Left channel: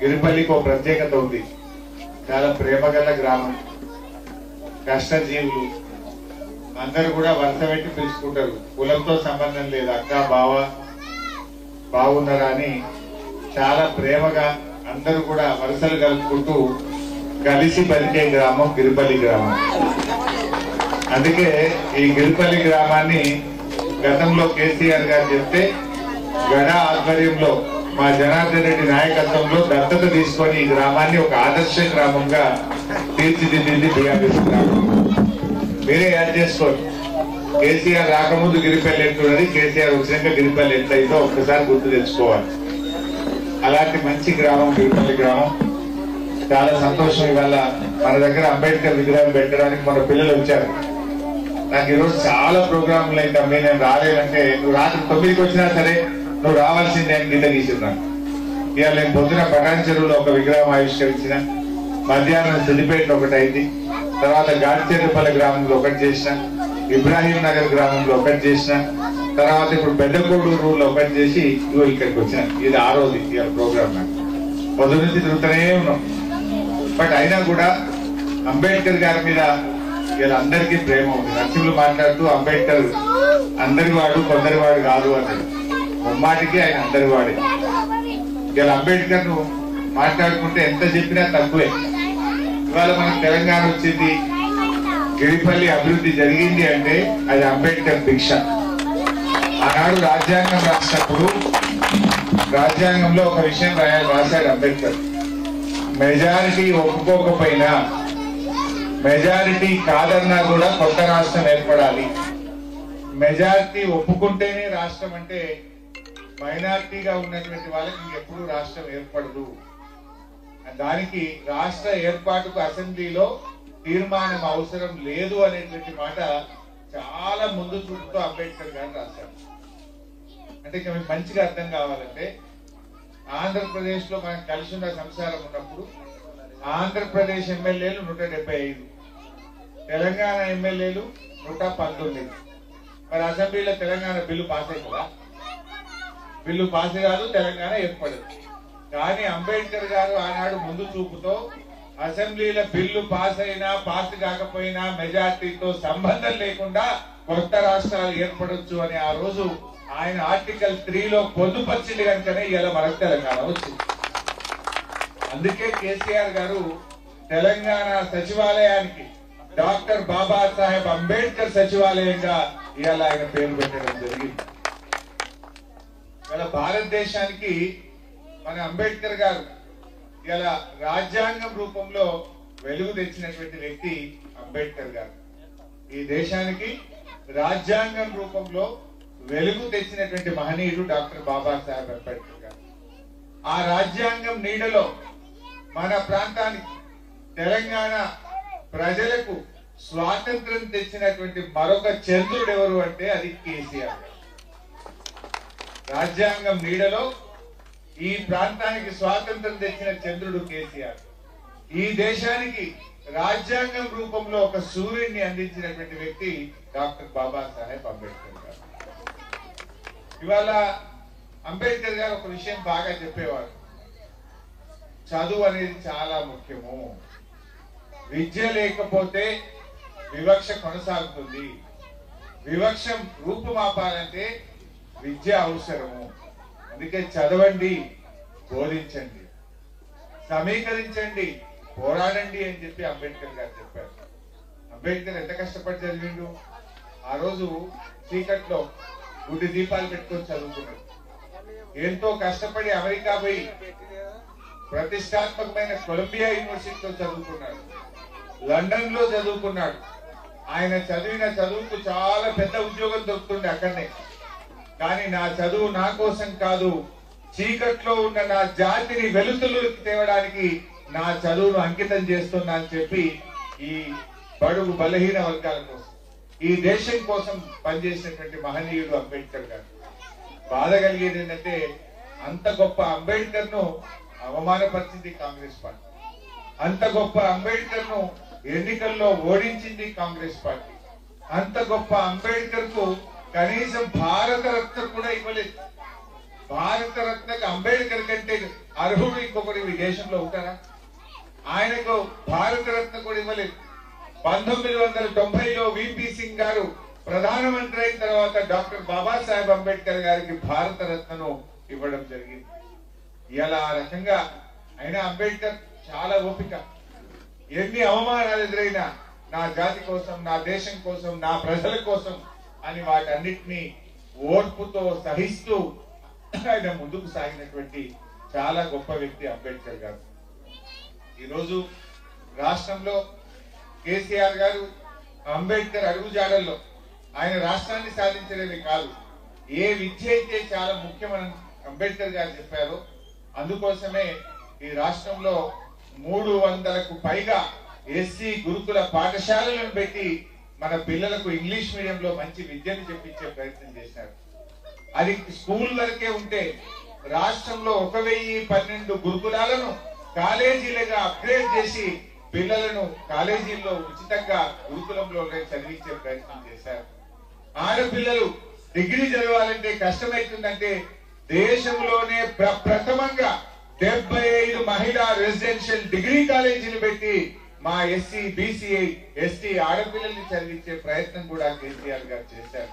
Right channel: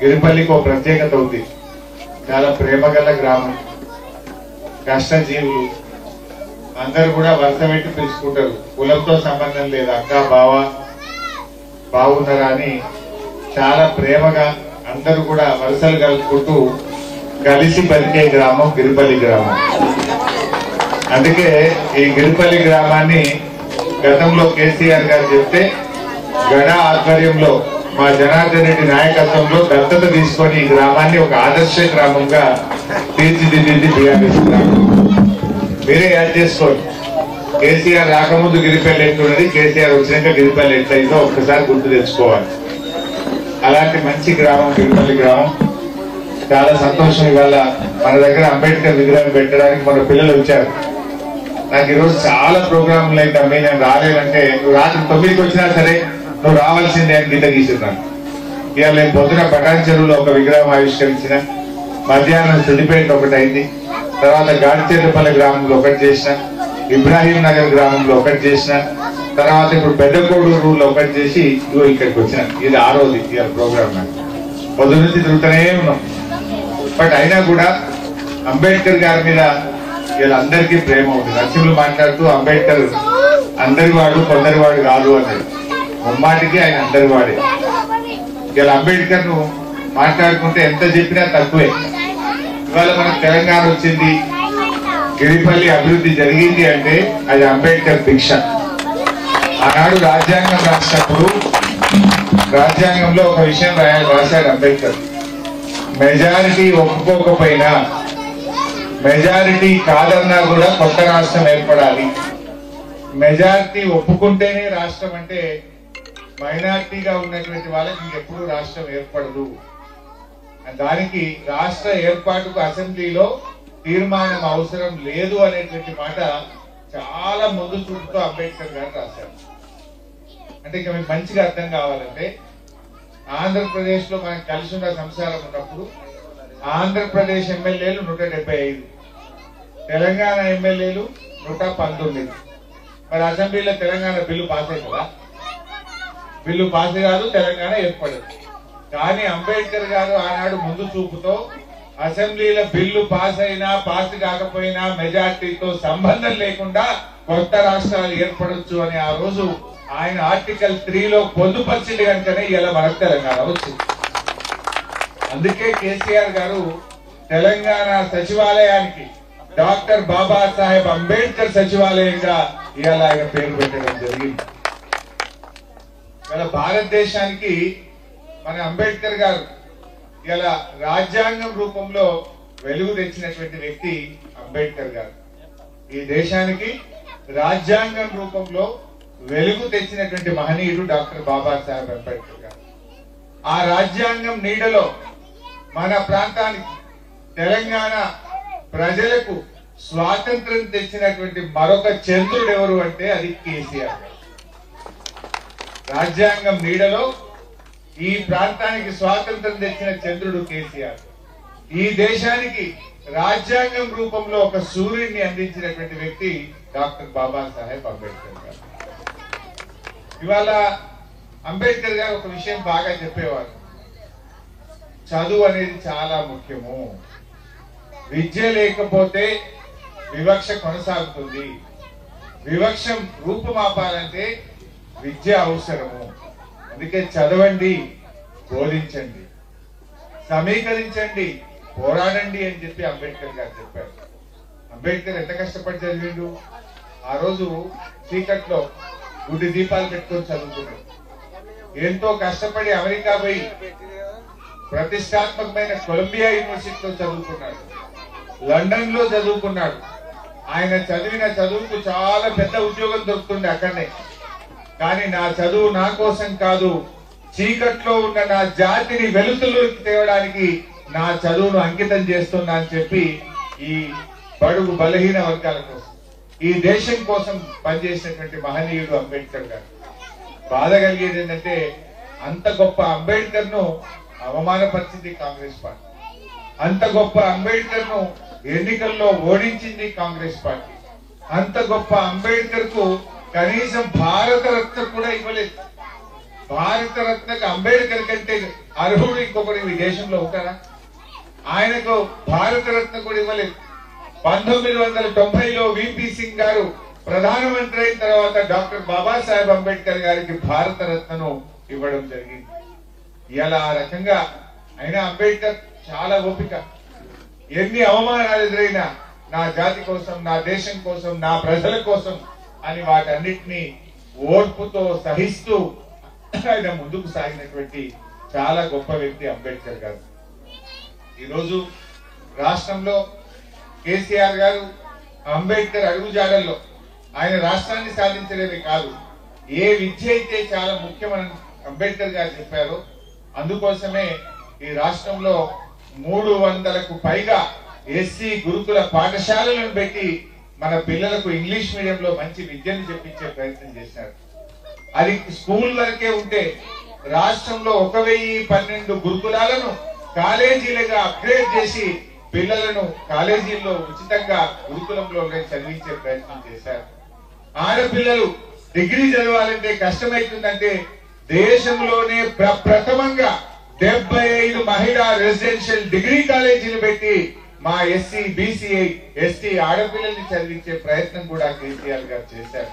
గిరిపల్లికి ఒక ప్రత్యేకత ఉంది. చాలా ప్రేమగల గ్రామం, కష్టజీవులు అందరూ కూడా వరుస పెట్టి పిలుచుకుంటారు. కులంతో సంబంధం లేదు. అక్క బావ బాగున్నారా అని చాలా ప్రేమగా అందరూ కూడా వరుసలు కలుపుకుంటూ కలిసి బతికే గ్రామం గిరిపల్లి గ్రామం. అందుకే ఈ గిరిపల్లి గ్రామాన్ని గతంలో కేసీఆర్ గారు చెప్తే గడ ఆధ్వర్యంలో మా జనార్దన్ రెడ్డి నాయకత్వంలో దత్తత తీసుకొని ఈ గ్రామాన్ని ఒక ఆదర్శ గ్రామంగా తీర్చిదిద్దింది బీఆర్ఎస్ గ్రామం. మీరే యాడ్ చేసుకోండి. కేసీఆర్ రాకముందు గిరిపల్లి ఎట్లున్నది, కేసీఆర్ వచ్చినాక గిరిపల్లి ఎట్లయిందో ఒక్కసారి గుర్తు తెచ్చుకోవాలి. అలాంటి మంచి గ్రామం గిరిపల్లి గ్రామం. చాలా సంతోషం. ఇవాళ మన దగ్గర అంబేద్కర్ విగ్రహం పెట్టడానికి మన పిల్లలు వచ్చారు. నాకు ఈరోజు చాలా ప్రోగ్రాంలు అయితే అమ్మి నేను రాలేదంటే, నువ్వు రాత్రి 9కి వచ్చినా సరే నువ్వు రావాల్సిందే అని గీత గీసున్నాను. ఇవాళ నేను పొద్దున పటాన్ చెరువులో ఒక విగ్రహం ఆవిష్కరించిన, మధ్యాహ్నం సిద్దిపేట ఒకటి అయింది, తర్వాత గాడిచెర్లపల్లి గ్రామంలో ఒకటి చేసిన, ఇబ్రాహీం నగర్ గ్రామంలో ఒకటి చేసిన, తర్వాత ఇప్పుడు పెద్దకోడూరులో ఒకటి చేసి ఇగో ఇక్కడికి వచ్చిన. ఇది 6వది ఇవాళ ప్రోగ్రామ్. నాకు పొద్దు నుంచి తిరుగుతూనే ఉన్నాం. బట్ అయినా కూడా అంబేద్కర్ గారి మీద ఇలా అందరికీ ప్రేమ ఉంది. నరసింహులు మాట్లాడుతూ అంబేద్కర్ అందరి వాడు కొందరి వాడు కాదు అన్నాడు. ముమ్మాటికి ఆయన అందరి వాడే. ఇలా అంబేద్కర్ ను మాట్లాడుకుంటే ఎంత చెప్పినా తక్కువే. ఇవాళ మనకు తెలంగాణ వచ్చింది, గిరిపల్లి అభివృద్ధి జరిగింది అంటే అది అంబేద్కర్ భిక్ష. ఆనాడు రాజ్యాంగం రాసినప్పుడు రాజ్యాంగంలో ఒక విషయం రాశాడు అంబేద్కర్. మెజారిటీ ఒప్పుకోకపోయినా, మెజారిటీ కాదన్నా కూడా కొత్త రాష్ట్రం ఏర్పడాలి. మెజారిటీ ఒప్పుకుంటేనే రాష్ట్రం అంటే మైనారిటీగా ఉన్నటువంటి వాళ్ళకి ఇంకెప్పుడు రాష్ట్రం ఏర్పడదు. దానికి రాష్ట్ర ఏర్పాటుకు అసెంబ్లీలో తీర్మానం అవసరం లేదు అనేటువంటి మాట చాలా ముందు చూపుతో అంబేద్కర్ గారు రాశారు. అంటే ఇక మీకు మంచిగా అర్థం కావాలంటే, ఆంధ్రప్రదేశ్ లో మనకు కలిసి ఉన్న సంసారం ఉన్నప్పుడు ఆంధ్రప్రదేశ్ ఎమ్మెల్యేలు 175, తెలంగాణ ఎమ్మెల్యేలు 119. మరి అసెంబ్లీలో తెలంగాణ బిల్లు పాస్ అవుతుందా? బిల్లు పాస్ కాదు, తెలంగాణ ఏర్పడదు. కానీ అంబేద్కర్ గారు ఆనాడు ముందు చూపుతో అసెంబ్లీలో బిల్లు పాస్ అయినా పాస్ కాకపోయినా మెజార్టీతో సంబంధం లేకుండా కొత్త రాష్ట్రాలు ఏర్పడొచ్చు అని ఆ రోజు ఆయన ఆర్టికల్ 3లో పొందుపరిచింది కనుకనే ఇలా మనకు తెలంగాణ వచ్చింది. అందుకే కేసీఆర్ గారు తెలంగాణ సచివాలయానికి డాక్టర్ బాబాసాహెబ్ అంబేద్కర్ సచివాలయంగా ఇవాళ ఆయన పేరు పెట్టడం జరిగింది. ఇవాళ భారతదేశానికి మన అంబేద్కర్ గారు ఇలా రాజ్యాంగం రూపంలో వెలుగు తెచ్చినటువంటి వ్యక్తి అంబేద్కర్ గారు. ఈ దేశానికి రాజ్యాంగం రూపంలో వెలుగు తెచ్చినటువంటి మహనీయుడు డాక్టర్ బాబాసాహెబ్ అంబేద్కర్ గారు. ఆ రాజ్యాంగం నీడలో మన ప్రాంతానికి, తెలంగాణ ప్రజలకు స్వాతంత్రం తెచ్చినటువంటి మరొక చంద్రుడు ఎవరు అంటే అది కేసీఆర్. రాజ్యాంగం నీడలో ఈ ప్రాంతానికి స్వాతంత్రం తెచ్చిన చంద్రుడు కేసీఆర్. ఈ దేశానికి రాజ్యాంగం రూపంలో ఒక సూర్యుడిని అందించినటువంటి వ్యక్తి డాక్టర్ బాబాసాహెబ్ అంబేద్కర్ గారు. ఇవాళ అంబేద్కర్ గారు ఒక విషయం బాగా చెప్పేవారు. చదువు అనేది చాలా ముఖ్యము. విద్య లేకపోతే వివక్ష కొనసాగుతుంది. వివక్షం రూపుమాపాలంటే విద్య అవసరము. అందుకే చదవండి, బోధించండి, సమీకరించండి, పోరాడండి అని చెప్పి అంబేద్కర్ గారు చెప్పారు. అంబేద్కర్ ఎంత కష్టపడి చదివిండు. ఆ రోజు చీకట్లో గుడి దీపాలు పెట్టుకొని చదువుకున్నాడు. ఎంతో కష్టపడి అమెరికా పోయి ప్రతిష్టాత్మకమైన కొలంబియా యూనివర్సిటీలో చదువుకున్నాడు, లండన్ లో చదువుకున్నాడు. ఆయన చదివిన చదువుకు చాలా పెద్ద ఉద్యోగం దొరుకుతుంది అక్కడనే. కానీ నా చదువు నా కోసం కాదు, చీకట్లో ఉన్న నా జాతిని వెలుతులోకి తేవడానికి నా చదువును అంకితం చేస్తున్నా అని చెప్పి ఈ బడుగు బలహీన వర్గాల కోసం, ఈ దేశం కోసం పనిచేసినటువంటి మహనీయుడు అంబేద్కర్ గారు. బాధ కలిగేది ఏంటంటే, అంత గొప్ప అంబేద్కర్ ను అవమానపరిచింది కాంగ్రెస్ పార్టీ. అంత గొప్ప అంబేద్కర్ ను ఎన్నికల్లో ఓడించింది కాంగ్రెస్ పార్టీ. అంత గొప్ప అంబేద్కర్ కు కనీసం భారత రత్న కూడా ఇవ్వలేదు. భారతరత్నకు అంబేద్కర్ కంటే అర్హుడు ఇంకొకటి ఈ దేశంలో ఉంటారా? ఆయనకు భారతరత్న కూడా ఇవ్వలేదు. 1990లో విపి సింగ్ గారు ప్రధానమంత్రి అయిన తర్వాత డాక్టర్ బాబాసాహెబ్ అంబేద్కర్ గారికి భారతరత్నను ఇవ్వడం జరిగింది. ఇలా ఆ రకంగా అయినా అంబేద్కర్ చాలా ఓపిక. ఎన్ని అవమానాలు ఎదురైనా నా జాతి కోసం, నా దేశం కోసం, నా ప్రజల కోసం అని వాటన్నిటినీ ఓర్పుతో సహిస్తూ ఆయన ముందుకు సాగినటువంటి చాలా గొప్ప వ్యక్తి అంబేద్కర్ గారు. ఈరోజు రాష్ట్రంలో కేసీఆర్ గారు అంబేద్కర్ అడుగుజాడల్లో ఆయన రాష్ట్రాన్ని సాధించడమే కాదు, ఏ విద్య అయితే చాలా ముఖ్యమని అంబేద్కర్ గారు చెప్పారో అందుకోసమే ఈ రాష్ట్రంలో 300కు పైగా ఎస్సీ గురుకుల పాఠశాలలను పెట్టి మన పిల్లలకు ఇంగ్లీష్ మీడియంలో మంచి విద్యను చెప్పించే ప్రయత్నం చేశారు. అది స్కూల్ వరకే ఉంటే రాష్ట్రంలో 1012 గురుకులాలను కాలేజీలుగా అప్గ్రేడ్ చేసి పిల్లలను కాలేజీల్లో ఉచితంగా గురుకులంలో చదివించే ప్రయత్నం చేశారు. ఆడపిల్లలు డిగ్రీ చదవాలంటే కష్టమైతుందంటే దేశంలోనే ప్రథమంగా 75 మహిళా రెసిడెన్షియల్ డిగ్రీ కాలేజీలు పెట్టి మా ఎస్సీ, బీసీ, ఎస్టీ ఆడపిల్లల్ని చదివించే ప్రయత్నం కూడా కేసీఆర్ గారు చేశారు.